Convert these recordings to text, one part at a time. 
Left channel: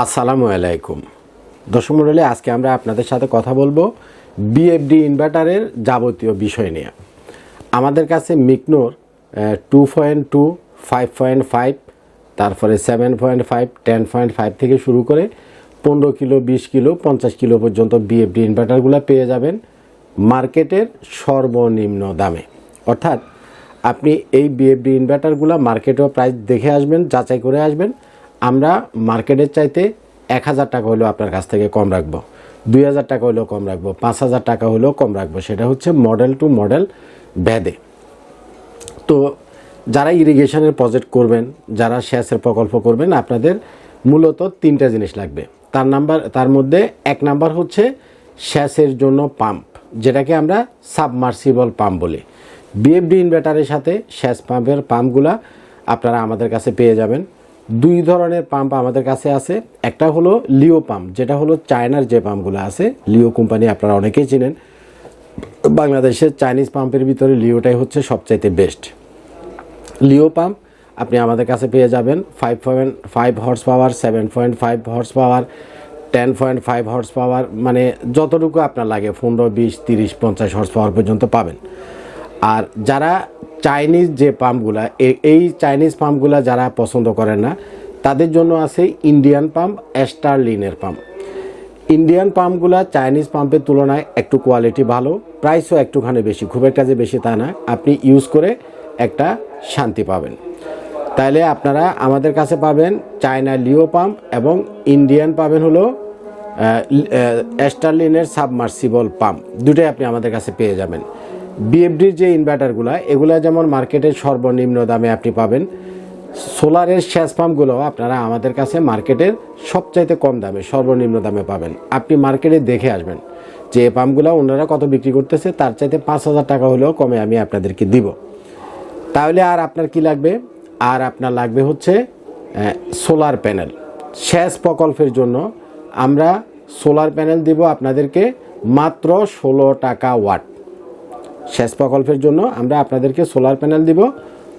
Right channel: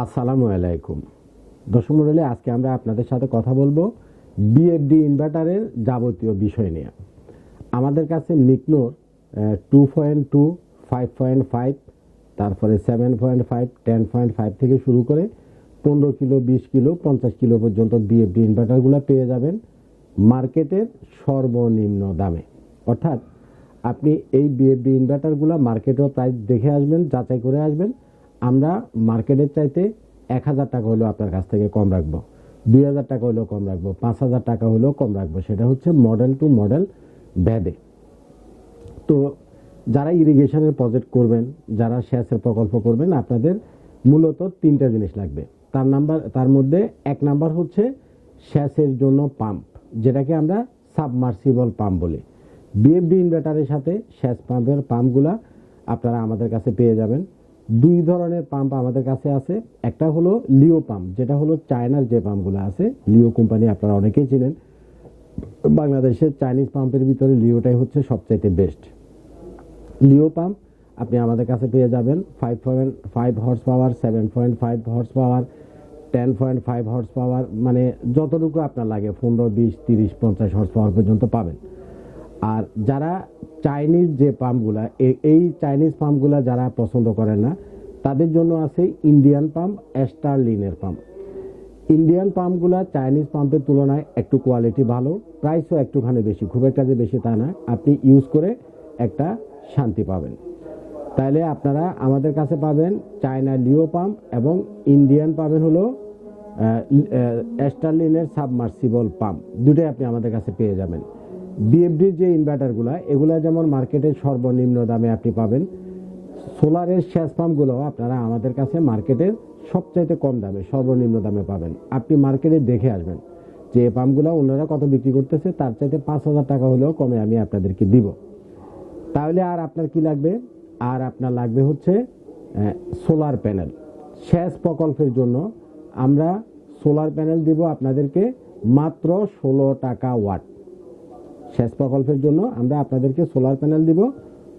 আসসালামু আলাইকুম দর্শক মণ্ডলী, আজকে আমরা আপনাদের সাথে কথা বলবো বিএফডি ইনভার্টারের যাবতীয় বিষয় নিয়ে। আমাদের কাছে মিকনোর 2.2, 5.5, তারপরে 7.5, 10.5 থেকে শুরু করে 15 কিলো, 20 কিলো, 50 কিলো পর্যন্ত বিএফডি ইনভার্টারগুলো পেয়ে যাবেন মার্কেটের সর্বনিম্ন দামে। অর্থাৎ আপনি এই বিএফডি ইনভার্টারগুলো মার্কেটেও প্রাইস দেখে আসবেন, যাচাই করে আসবেন। আমরা মার্কেটের চাইতে 1000 টাকা হলেও আপনার কাছ থেকে কম রাখবো, 2000 টাকা হলেও কম রাখবো, 5000 টাকা হলেও কম রাখবো। সেটা হচ্ছে মডেল টু মডেল ভেদে। তো যারা ইরিগেশনের প্রজেক্ট করবেন, যারা সেচের প্রকল্প করবেন, আপনাদের মূলত 3টা জিনিস লাগবে। তার মধ্যে 1 নাম্বার হচ্ছে সেচের জন্য পাম্প, যেটাকে আমরা সাবমার্সিবল পাম্প বলি। বিএফডি ইনভার্টারের সাথে সেচ পাম্পের পাম্পগুলা আপনারা আমাদের কাছে পেয়ে যাবেন। 2 ধরনের পাম্প আমাদের কাছে আছে। একটা হলো লিও পাম্প, যেটা হলো চায়নার যে পাম্পগুলো আছে, লিও কোম্পানি আপনারা অনেকেই চিনেন। বাংলাদেশের চাইনিজ পাম্পের ভিতরে লিওটাই হচ্ছে সবচাইতে বেস্ট। লিও পাম্প আপনি আমাদের কাছে পেয়ে যাবেন 5.5 horse power, 7.5 horse power, 10.5 horse power, মানে যতটুকু আপনার লাগে 15, 20, 30, 50 হর্স পাওয়ার পর্যন্ত পাবেন। আর যারা চাইনিজ যে পাম্পগুলা, এই চাইনিজ পাম্পগুলা যারা পছন্দ করেন না, তাদের জন্য আছে ইন্ডিয়ান পাম্প, স্টারলিনের পাম্প। ইন্ডিয়ান পাম্পগুলা চাইনিজ পাম্পের তুলনায় একটু কোয়ালিটি ভালো, প্রাইসও একটুখানি বেশি, খুব একটা যে বেশি তা না। আপনি ইউজ করে একটা শান্তি পাবেন। তাইলে আপনারা আমাদের কাছে পাবেন চায়না লিও পাম্প এবং ইন্ডিয়ান পাবেন হলো স্টারলিনের সাবমার্সিবল পাম্প। দুটোই আপনি আমাদের কাছে পেয়ে যাবেন। বিএফডির যে ইনভার্টারগুলো, এগুলো যেমন মার্কেটের সর্বনিম্ন দামে আপনি পাবেন, সোলারের সেচ পাম্পগুলো আপনারা আমাদের কাছে মার্কেটের সবচাইতে কম দামে, সর্বনিম্ন দামে পাবেন। আপনি মার্কেটে দেখে আসবেন যে এই পাম্পগুলো ওনারা কত বিক্রি করতেছে, তার চাইতে 5000 টাকা হলেও কমে আমি আপনাদেরকে দিব। তাহলে আর আপনার কি লাগবে? আর আপনার লাগবে হচ্ছে সোলার প্যানেল। সেচ প্রকল্পের জন্য আমরা সোলার প্যানেল দিব আপনাদেরকে মাত্র 16 টাকা ওয়াট। সেচ প্রকল্পের জন্য আমরা আপনাদেরকে সোলার প্যানেল দিব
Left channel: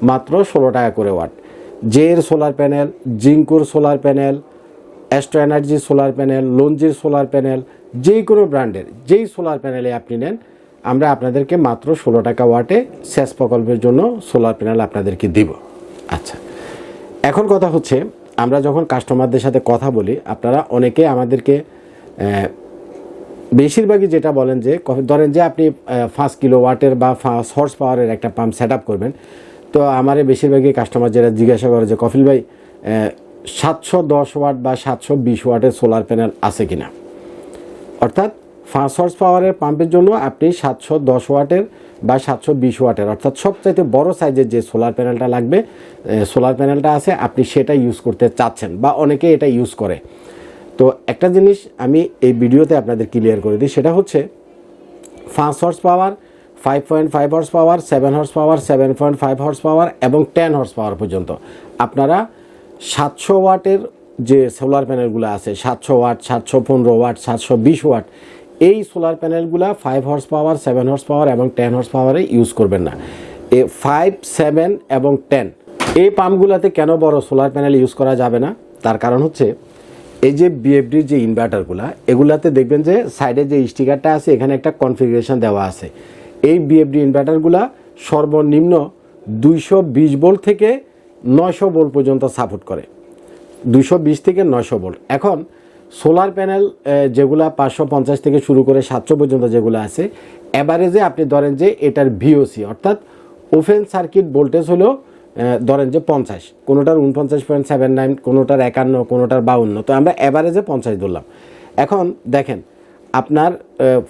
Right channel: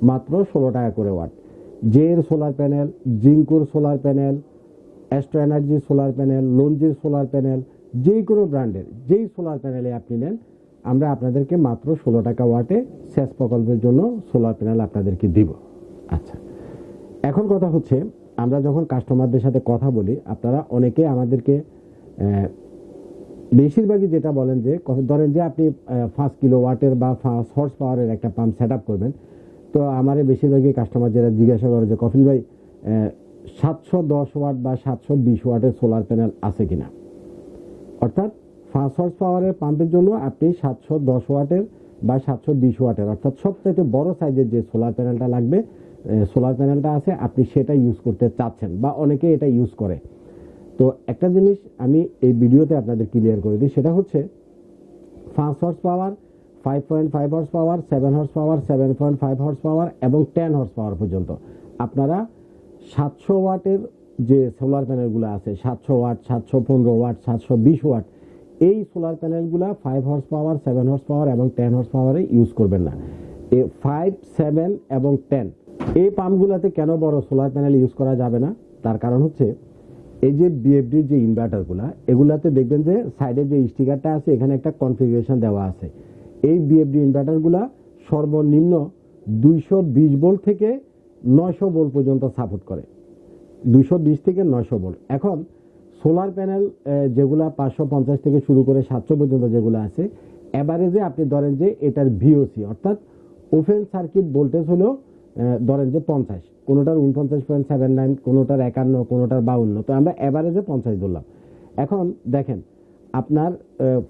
মাত্র 16 টাকা করে ওয়াট। জের সোলার প্যানেল, জিঙ্কুর solar panel, Astro energy solar panel, লঞ্জির সোলার প্যানেল, যেই কোনো ব্র্যান্ডের যেই সোলার প্যানেলে আপনি নেন, আমরা আপনাদেরকে মাত্র 16 টাকা ওয়াটে সেচ প্রকল্পের জন্য সোলার প্যানেল আপনাদেরকে দিব। আচ্ছা, এখন কথা হচ্ছে, আমরা যখন কাস্টমারদের সাথে কথা বলি, আপনারা অনেকে আমাদেরকে বেশিরভাগই যেটা বলেন যে, ধরেন যে আপনি 5 কিলো ওয়াটের বা 5 হর্স পাওয়ারের একটা পাম্প সেট আপ করবেন। তো আমার বেশিরভাগই কাস্টমার যেটা জিজ্ঞাসা করে যে, কফিল ভাই 710 ওয়াট বা 720 ওয়াটের সোলার প্যানেল আছে কিনা। অর্থাৎ 5 হর্স পাওয়ারের পাম্পের জন্য আপনি 710 ওয়াটের বা 720 ওয়াটের, অর্থাৎ সবচাইতে বড় সাইজের যে সোলার প্যানেলটা লাগবে, সোলার প্যানেলটা আছে, আপনি সেটা ইউজ করতে চাচ্ছেন বা অনেকে এটা ইউজ করে। তো একটা জিনিস আমি এই ভিডিওতে আপনাদের ক্লিয়ার করে দিই, সেটা হচ্ছে 5 horse power, 5.5 horse power, 7 horse power, 7.5 horse power এবং 10 হর্স পাওয়ার পর্যন্ত আপনারা 700 ওয়াটের যে সোলার প্যানেলগুলো আছে, 700 ওয়াট, 715 ওয়াট, 720 ওয়াট, এই সোলার প্যানেলগুলো 5 হর্স পাওয়ার, 7 হর্স পাওয়ার এবং 10 হর্স পাওয়ারে ইউজ করবেন না। 5, 7 এবং 10 এই পাম্পগুলোতে কেন বড় সোলার প্যানেল ইউজ করা যাবে না, তার কারণ হচ্ছে এই যে বিএফডির যে ইনভার্টারগুলো, এগুলাতে দেখবেন যে সাইডে যে স্টিকারটা আছে, এখানে একটা কনফিগারেশন দেওয়া আছে। এই বিএফডি ইনভার্টারগুলো সর্বনিম্ন 220 ভোল্ট থেকে 900 ভোল্ট পর্যন্ত সাপোর্ট করে, 220 থেকে 900 ভোল্ট। এখন সোলার প্যানেল যেগুলা 550 থেকে শুরু করে 700 পর্যন্ত যেগুলো আছে, অ্যাভারেজে আপনি ধরেন যে এটার ভিওসি অর্থাৎ ওপেন সার্কিট ভোল্টেজ হলো ধরেন যে 50, কোনোটার 49.79, কোনোটার 51, কোনোটার 52। তো আমরা অ্যাভারেজে 50 ধরলাম। এখন দেখেন আপনার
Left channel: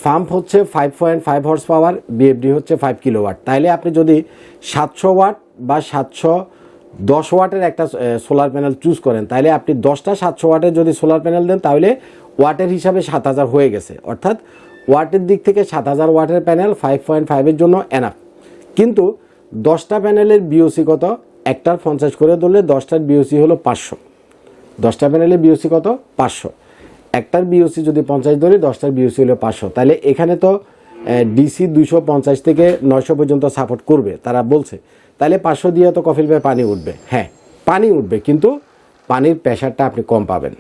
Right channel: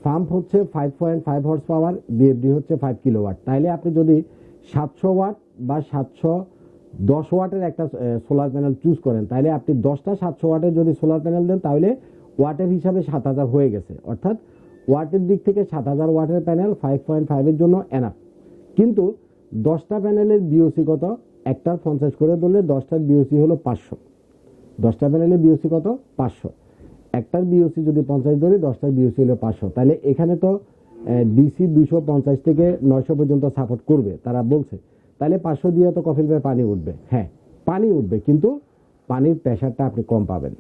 পাম্প হচ্ছে 5.5 হর্স পাওয়ার, বিএফডি হচ্ছে 5 কিলোওয়াট। তাইলে আপনি যদি 700 ওয়াট বা 710 ওয়াটের একটা সোলার প্যানেল চুজ করেন, তাহলে আপনি 10টা 700 ওয়াটের যদি সোলার প্যানেল দেন, তাহলে ওয়াটের হিসাবে 7000 হয়ে গেছে। অর্থাৎ ওয়াটের দিক থেকে 7000 ওয়াটের প্যানেল 5.5-এর জন্য এনাফ। কিন্তু 10টা প্যানেলের বিওসি কত? একটার 50 করে ধরলে 10টার বিওসি হলো 500। 10টা প্যানেলের বিওসি কত? 500। একটার বিওসি যদি 50 ধরি, 10টার বিওসি হলো 500। তাহলে এখানে তো ডিসি 250 থেকে 900 পর্যন্ত সাপোর্ট করবে তারা বলছে। তাহলে 500 দিয়ে তো কফিল ভাই পানি উঠবে। হ্যাঁ, পানি উঠবে, কিন্তু পানির প্রেশারটা আপনি কম পাবেন।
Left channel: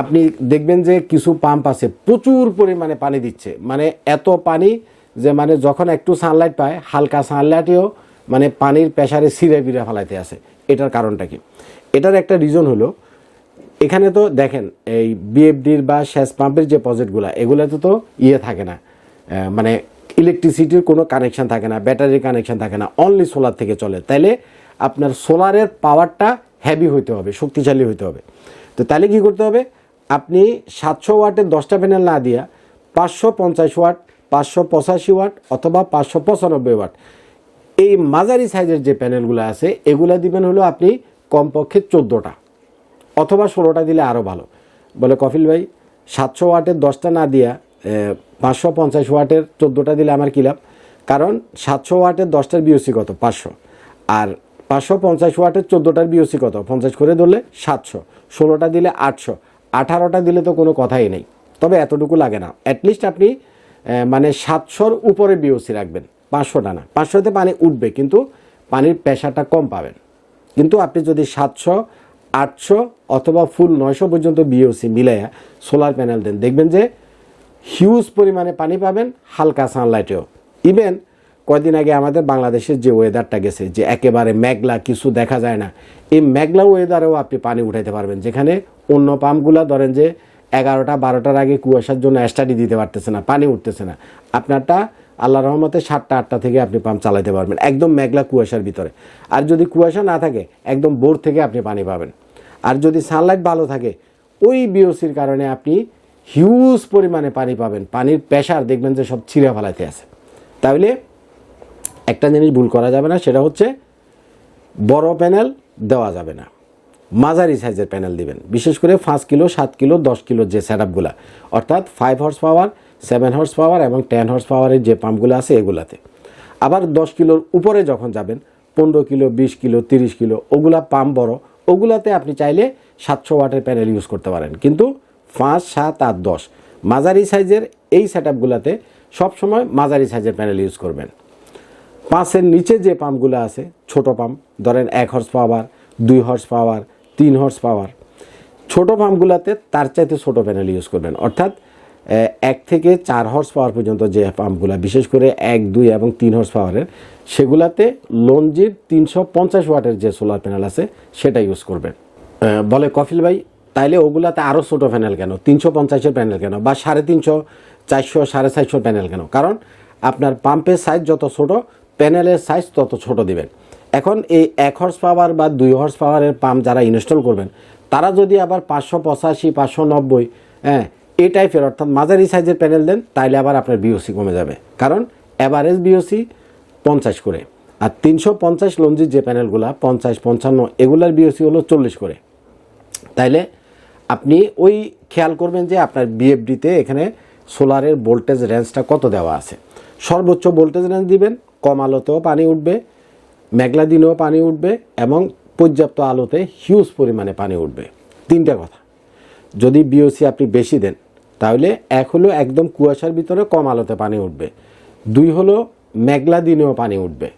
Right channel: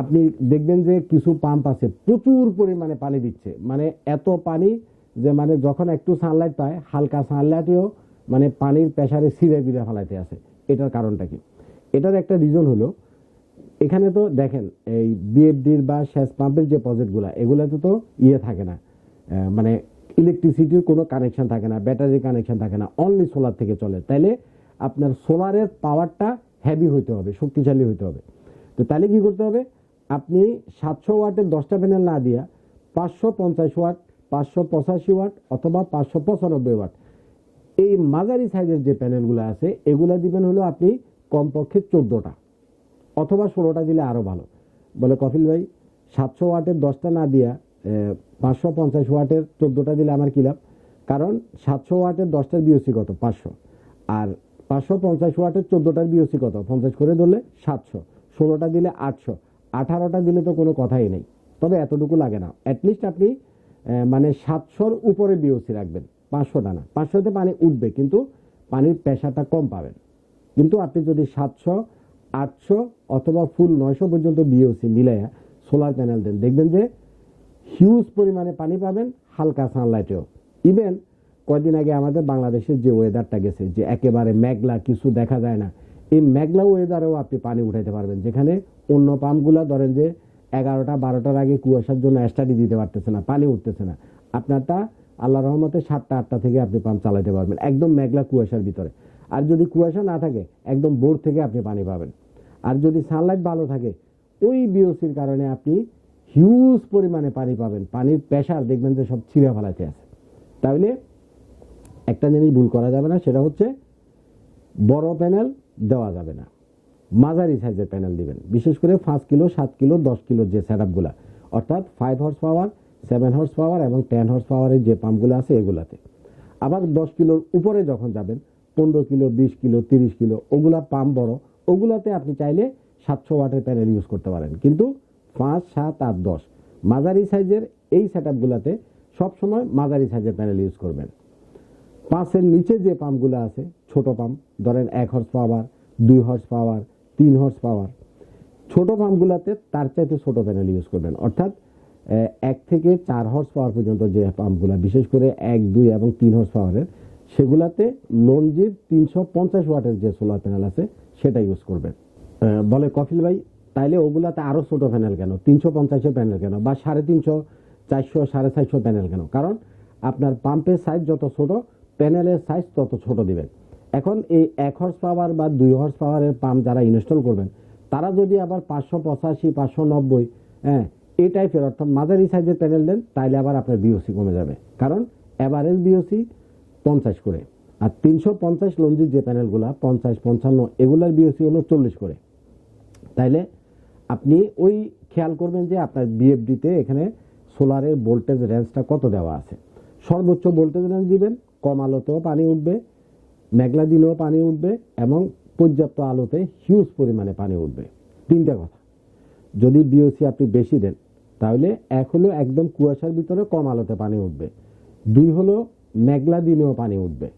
আপনি দেখবেন যে কিছু পাম্প আছে প্রচুর পরিমাণে পানি দিচ্ছে, মানে এত পানি যে মানে যখন একটু সানলাইট পায় হালকা সানলাইটেও মানে পানির প্রেসারে ছিঁড়ে বিড়ে ফেলাইতে আছে। এটার কারণটা কি? এটার একটা রিজন হলো এখানে তো দেখেন এই বিএফডির বা সেচ পাম্পের যে প্রজেক্টগুলো এগুলোতে তো থাকে না, মানে ইলেকট্রিসিটির কোনো কানেকশান থাকে না, ব্যাটারির কানেকশান থাকে না, অনলি সোলার থেকে চলে। তাইলে আপনার সোলারের পাওয়ারটা হেভি হইতে হবে, শক্তিশালী হইতে হবে। তো তাহলে কী করতে হবে? আপনি 700 ওয়াটের 10টা প্যানেল না দিয়া 550 ওয়াট, 585 ওয়াট অথবা 595 ওয়াট এই মাঝারি সাইজের যে প্যানেলগুলো আছে এগুলো দিবেন হলো আপনি কমপক্ষে 14টা অথবা 16টা দিলে আরও ভালো। বলে কফিল ভাই 700 ওয়াটের 10টা না দিয়া 550 ওয়াটের 14টা দিলে আমার কী লাভ? কারণ 700 ওয়াটের 10টার বিওসি কত? 500, আর 550 ওয়াটের 14টার বিওসি কত? 50 করে ধরলে 700, 16টা দিলে 800, 18টা দিলে তো কোনো কথাই নেই। তবে এতটুকু লাগে না, অ্যাটলিস্ট আপনি মানে 700-র উপরে বিওসি রাখবেন, 500টা না। 500তে পানি উঠবে কিন্তু পানির প্রেশারটা কম পাবেন। কিন্তু আপনি যদি 700, 800 অথবা ফুল 900 পর্যন্ত বিওসি মিলাইয়া সোলার প্যানেল দেন, দেখবেন যে হিউজ পরিমাণে পানি পাবেন হালকা সানলাইটেও। ইভেন কয়দিন আগে আমাদের বাংলাদেশের যে ওয়েদারটা গেছে যে একেবারে মেঘলা, কিছু দেখা যায় না, এই মেঘলা ওয়েদারেও আপনি পানি উঠাইতে পারবেন। যেখানে অন্য পাম্পগুলো ধরেন যে 11টা 12টার আগে কুয়াশার জন্য স্টাডি দিতে পারতেছে না, পানি উঠতেছে না, আপনারটা আল্লাহ রহমতে 7টা 8টা থেকে আপনি পাম্প চালাতে পারবেন একদম মেঘলা কুয়াশার ভিতরে। আর যদি কুয়াশা না থাকে একদম বোর থেকে আপনি পানি পাবেন। আর যদি সানলাইট ভালো থাকে ওই বিওসির কারণে আপনি হিউজ পরিমাণে পানি পাবেন, পানির প্রেশার দেখবেন যে সব ছিঁড়ে ফেলাইতে আছে। তাহলে একটা জিনিস ভুল করা যাবে না, সেটা হচ্ছে বড় প্যানেল দেওয়া যাবে না, মাঝারি সাইজের প্যানেল দিবেন। বিশেষ করে 5 কিলো 7 কিলো 10 কিলো যে সেটআপগুলো, অর্থাৎ 5 হর্স পাওয়ার, 7 হর্স পাওয়ার এবং 10 হর্স পাওয়ারের যে পাম্পগুলো আছে এগুলাতে। আবার 10 কিলোর উপরে যখন যাবেন 15 কিলো 20 কিলো 30 কিলো ওগুলা পাম্প বড়, ওগুলাতে আপনি চাইলে 700 ওয়াটের প্যানেল ইউজ করতে পারেন। কিন্তু 5, 7 আর 10 মাঝারি সাইজের এই সেটআপগুলোতে সবসময় মাঝারি সাইজের প্যানেল ইউজ করবেন। 5-এর নিচে যে পাম্পগুলো আছে ছোট পাম্প, ধরেন 1 horse power, 2 horse power, 3 horse power, ছোটো পাম্পগুলোতে তার চাইতে ছোটো প্যানেল ইউজ করবেন। অর্থাৎ 1 থেকে 4 হর্স পাওয়ার পর্যন্ত যে পাম্পগুলো, বিশেষ করে 1, 2 এবং 3 হর্স পাওয়ারের, সেগুলাতে লঞ্জির 350 ওয়াটের যে সোলার প্যানেল আছে সেটা ইউজ করবেন। বলে কফিল ভাই তাইলে ওগুলাতে আরও ছোটো প্যানেল কেন, 350-এর প্যানেল কেন, বা 350, 400, 450 প্যানেল কেন? কারণ আপনার পাম্পের সাইজ যত ছোটো প্যানেলের সাইজ তত ছোট দিবেন। এখন এই 1 হর্স পাওয়ার বা 2 হর্স পাওয়ারের পাম্প যারা ইনস্টল করবেন তারা যদি আবার 585, 590 এই টাইপের অর্থাৎ মাঝারি সাইজের প্যানেল দেন তাইলে আবার আপনার বিওসি কমে যাবে। কারণ অ্যাভারেজ বিওসি 50 করে, আর 350 লঞ্জির যে প্যানেলগুলো 50, 55 এগুলার বিওসি হলো 40 করে। তাইলে আপনি ওই খেয়াল করবেন যে আপনার বিএফডিতে এখানে সোলারের ভোল্টেজ রেঞ্জটা কত দেওয়া আছে। সর্বোচ্চ ভোল্টেজ রেঞ্জ দিবেন, কম আলোতেও পানি উঠবে, মেঘলা দিনেও পানি উঠবে এবং পর্যাপ্ত আলোতে হিউজ পরিমাণে পানি উঠবে। 3টা কথা। যদি বিওসি আপনি বেশি দেন তাহলে 1 হলো একদম কুয়াশার ভিতরে কম আলোতে পানি উঠবে, 2 হলো মেঘলা দিনেও পানি উঠবে,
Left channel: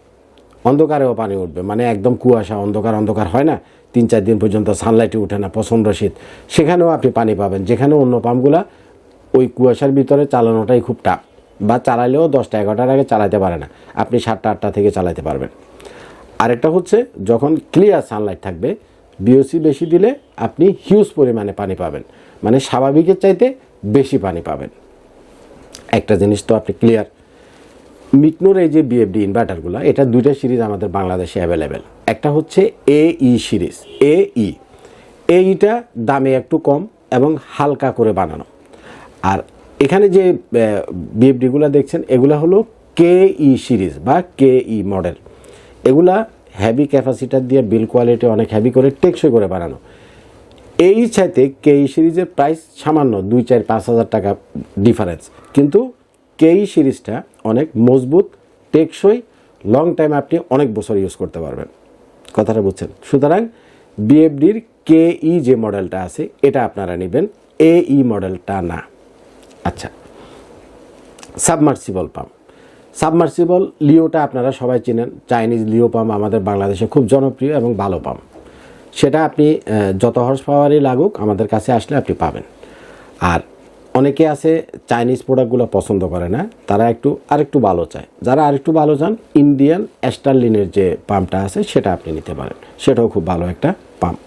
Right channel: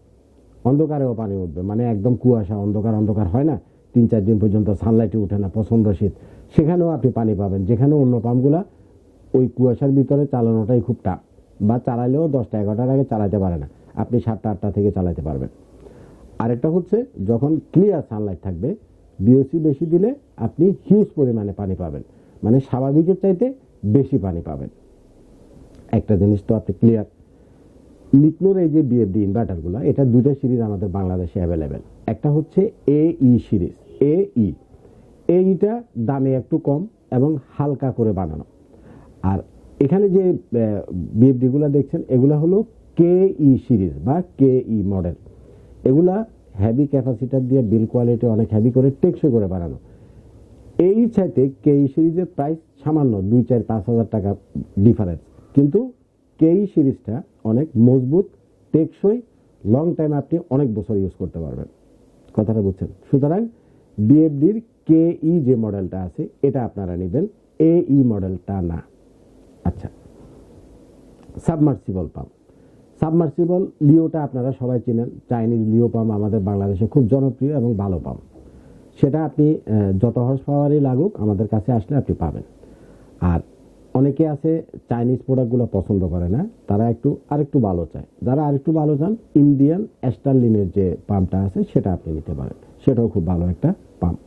অন্ধকারেও পানি উঠবে, মানে একদম কুয়াশা অন্ধকার অন্ধকার হয় না, 3-4 দিন পর্যন্ত সানলাইটে উঠে না, প্রচণ্ড শীত, সেখানেও আপনি পানি পাবেন। যেখানে অন্য পাম্পগুলা ওই কুয়াশার ভিতরে চালানোটাই খুব টাফ, বা চালাইলেও 10টা 11টার আগে চালাতে পারে না, আপনি 7টা 8টা থেকে চালাতে পারবেন। আরেকটা হচ্ছে যখন ক্লিয়ার সানলাইট থাকবে বিওসি বেশি দিলে আপনি হিউজ পরিমাণে পানি পাবেন, মানে স্বাভাবিকের চাইতে বেশি পানি পাবেন। একটা জিনিস তো আপনি ক্লিয়ার, মিকনোর এই যে বিএফডি ইনভার্টারগুলো, এটা 2টা সিরিজ আমাদের বাংলাদেশে অ্যাভেলেবেল। একটা হচ্ছে এই সিরিজ, এইটা দামে একটু কম এবং হালকা করে বানানো। আর এখানে যে বিএফডিগুলো দেখছেন এগুলো হলো কেই সিরিজ বা কেই মডেল। এগুলা হেভি ক্যাপাসিটার দিয়ে বিল কোয়ালিটি অনেক হেভি করে টেকসই করে বানানো। এই চাইতে কেই সিরিজের প্রাইস সামান্য 2, 4, 5 হাজার টাকা ডিফারেন্স, কিন্তু কেই সিরিজটা অনেক মজবুত, টেকসই, লং টাইম আপনি অনেক বছর ইউজ করতে পারবেন। কথাটা বুঝছেন? সুতরাং বিএফডির কেই যে মডেলটা আছে এটা আপনারা নেবেন, এই মডেলটা না। আচ্ছা, সাবমার্সিবল পাম্প, সাবমার্সিবল লিওটা আপনারা সবাই চেনেন, চাইনিজ লিও পাম্প আমাদের বাংলাদেশে খুব জনপ্রিয় এবং ভালো পাম্প। সেটা আপনি যত হর্স পাওয়ারই লাগুক আমাদের কাছে আসলে আপনি পাবেন। আর অনেকে আছে চাইনিজ প্রোডাক্টগুলো পছন্দ করে না, তারা আরেকটু ভালো চায়। যারা আরেকটু ভালো চান, ইন্ডিয়ান স্টারলিনের যে পাম্পটা আছে সেটা আপনি নিতে পারেন, সেটাও খুব ভালো একটা পাম্প।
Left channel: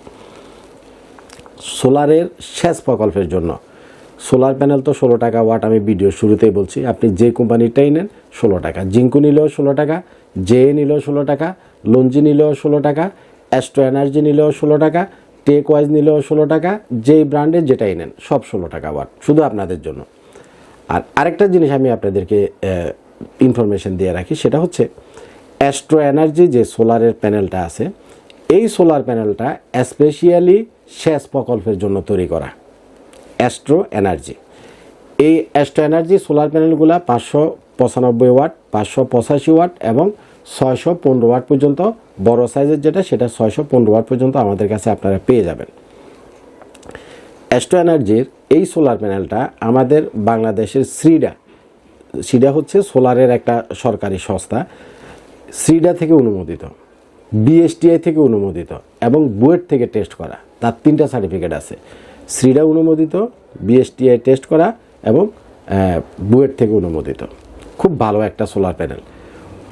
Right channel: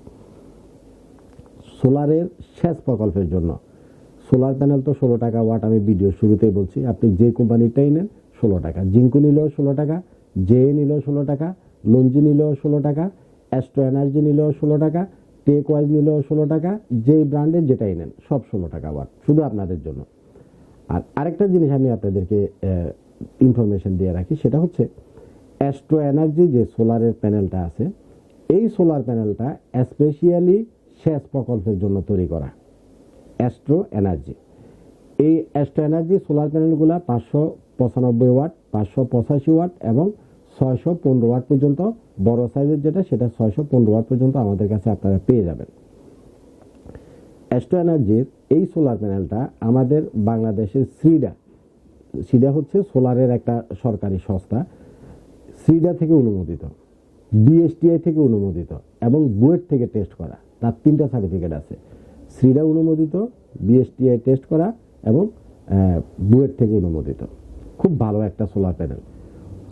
সোলারের সেচ প্রকল্পের জন্য সোলার প্যানেল তো 16 টাকা ওয়াট, আমি ভিডিও শুরুতেই বলছি। আপনি যে কোম্পানিটাই নেন 16 টাকা, জিঙ্কু নিলেও 16 টাকা, জে নিলেও 16 টাকা, লঞ্জি নিলেও 16 টাকা, অ্যাস্ট্রো এনার্জি নিলেও 16 টাকা, টেক ওয়াইজ নিলেও 16 টাকা, যেই ব্র্যান্ডের যেটাই নেন সব 16 টাকা ওয়াট, শুধু আপনাদের জন্য। আর আরেকটা জিনিস আমি আপনাদেরকে ইনফরমেশন দিয়ে রাখি, সেটা হচ্ছে অ্যাস্ট্রো এনার্জি যে সোলারের প্যানেলটা আছে, এই সোলার প্যানেলটা স্পেশালি সেচ প্রকল্পের জন্য তৈরি করা। অ্যাস্ট্রো এনার্জি, এই অ্যাস্ট্রো এনার্জি সোলার প্যানেলগুলো 595 ওয়াট, 585 ওয়াট এবং 615 ওয়াট পর্যন্ত, বড় সাইজের যেটা সেটা 615 ওয়াট পর্যন্ত আমাদের কাছে আপনারা পেয়ে যাবেন। অ্যাস্ট্রো এনার্জির এই সোলার প্যানেলটা আমাদের বাংলাদেশের সিডা হচ্ছে সোলারের একটা সরকারি সংস্থা, সিডা থেকে অনুমোদিত, বিএসটিআই থেকে অনুমোদিত এবং বুয়েট থেকে টেস্ট করা, তার 3টা সার্টিফিকেট আছে। সিডা অনুমোদিত, বিএসটিআই টেস্ট করা এবং বুয়েট থেকে অনুমোদিত। খুব ভালো একটা সোলার প্যানেল।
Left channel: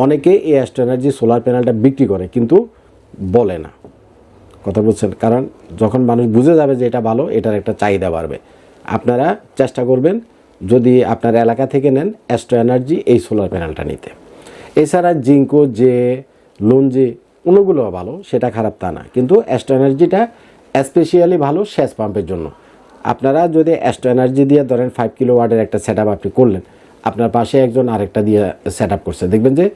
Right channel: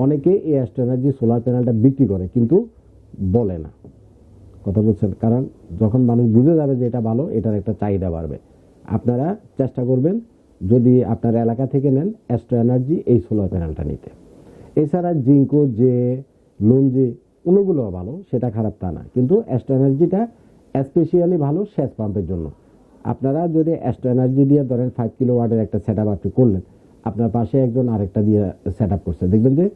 অনেকে এই অ্যাস্ট্রো এনার্জি সোলার প্যানেলটা বিক্রি করে কিন্তু বলে না, কথা বলছেন, কারণ যখন মানুষ বুঝে যাবে যে এটা ভালো, এটার একটা চাহিদা বাড়বে। আপনারা চেষ্টা করবেন যদি আপনার এলাকা থেকে নেন অ্যাস্ট্রো এনার্জি এই সোলার প্যানেলটা নিতে। এছাড়া জিঙ্কো, জে, লঞ্জি অন্যগুলো ভালো, সেটা খারাপ তা না, কিন্তু অ্যাস্ট্রো এনার্জিটা স্পেশালি ভালো সেচ পাম্পের জন্য। আপনারা যদি অ্যাস্ট্রো এনার্জি দিয়ে ধরেন 5 কিলো ওয়াটের একটা সেট আপনি করলেন, আপনার পাশে একজন আরেকটা দিয়ে সেট আপ করছে, দেখবেন যে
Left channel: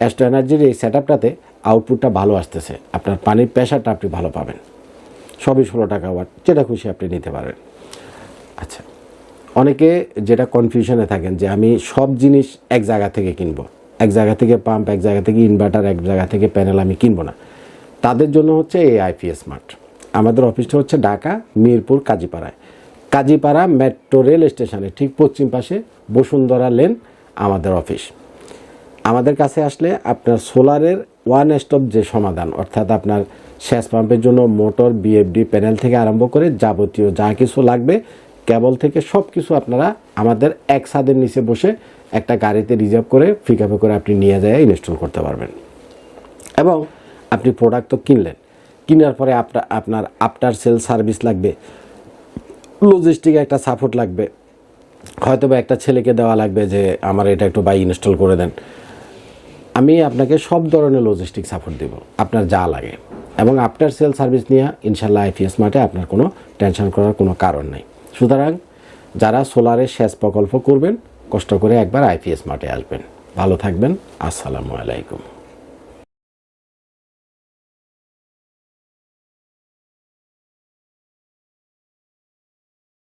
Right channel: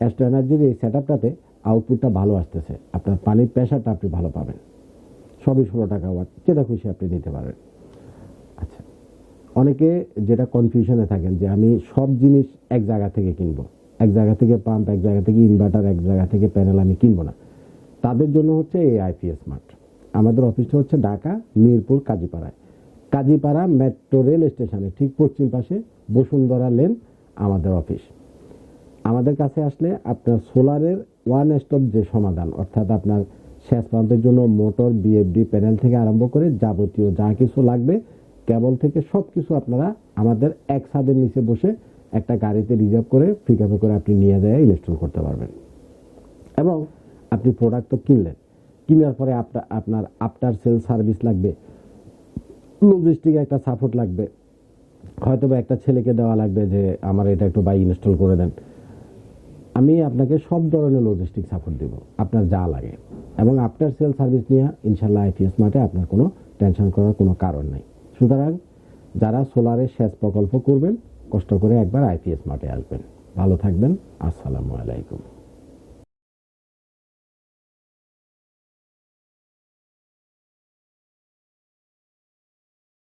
অ্যাস্ট্রো এনার্জির এই সেট আপটাতে আউটপুটটা ভালো আসতেছে, আপনার পানির প্রেশারটা আপনি ভালো পাবেন। সবই 16 টাকা ওয়াট, যেটা খুশি আপনি নিতে পারেন। আচ্ছা, অনেকে যেটা কনফিউশনে থাকেন যে আমি সব জিনিস এক জায়গা থেকে কিনবো, এক জায়গা থেকে পাম্প, এক জায়গা থেকে ইনভার্টার, এক জায়গা থেকে প্যানেল আমি কিনবো না, তাদের জন্য হচ্ছে এই আইপিএস মার্ট। আমাদের অফিসটা হচ্ছে ঢাকা মিরপুর কাজীপাড়া মেট্রো রেল স্টেশনের ঠিক পশ্চিম পাশে বসুন্ধরা লেন আমাদের অফিস। আমাদের কাছে আসলে আপনার সোলারের ওয়ান স্টপ যে সমাধান, অর্থাৎ আপনার সেচ পাম্পের জন্য মোটর, বিএফডি, প্যানেল থেকে আরম্ভ করে যাবতীয় যা কিছু লাগবে, কেবল থেকে সব কিছু আপনারা আমাদের এক ছাদের নিচে বসে একটা গাড়িতে রিজার্ভ করে পিকআপে করে আপনি নিয়ে যায় ইনস্টল করতে পারবেন। এবং আপনি প্রোডাক্ট তো কিনলেন, কেনার পরে আপনার আফটার সেল সার্ভিস লাগবে, লজিস্টিক একটা সাপোর্ট লাগবে, হয়তো বা একটা ছেলেকে দেওয়া লাগবে যে আমার এটা একটু ইনস্টল করে দেন। আমি আপনাকে সব ধরনের লজিস্টিক সাপোর্ট দেব, আপনার যা লাগে। এবং আফটার সেল সার্ভিস নিয়ে ইনশাল্লাহ আইপিএস মার্টে আপনার কোনো টেনশন করার কোনো কারণ নেই। সুতরাং যারা সোলারের সেচ প্রকল্প করবেন, কষ্ট করে একবার আইপিএস মার্টে আসবেন। ভালো থাকবেন, আসসালামু আলাইকুম।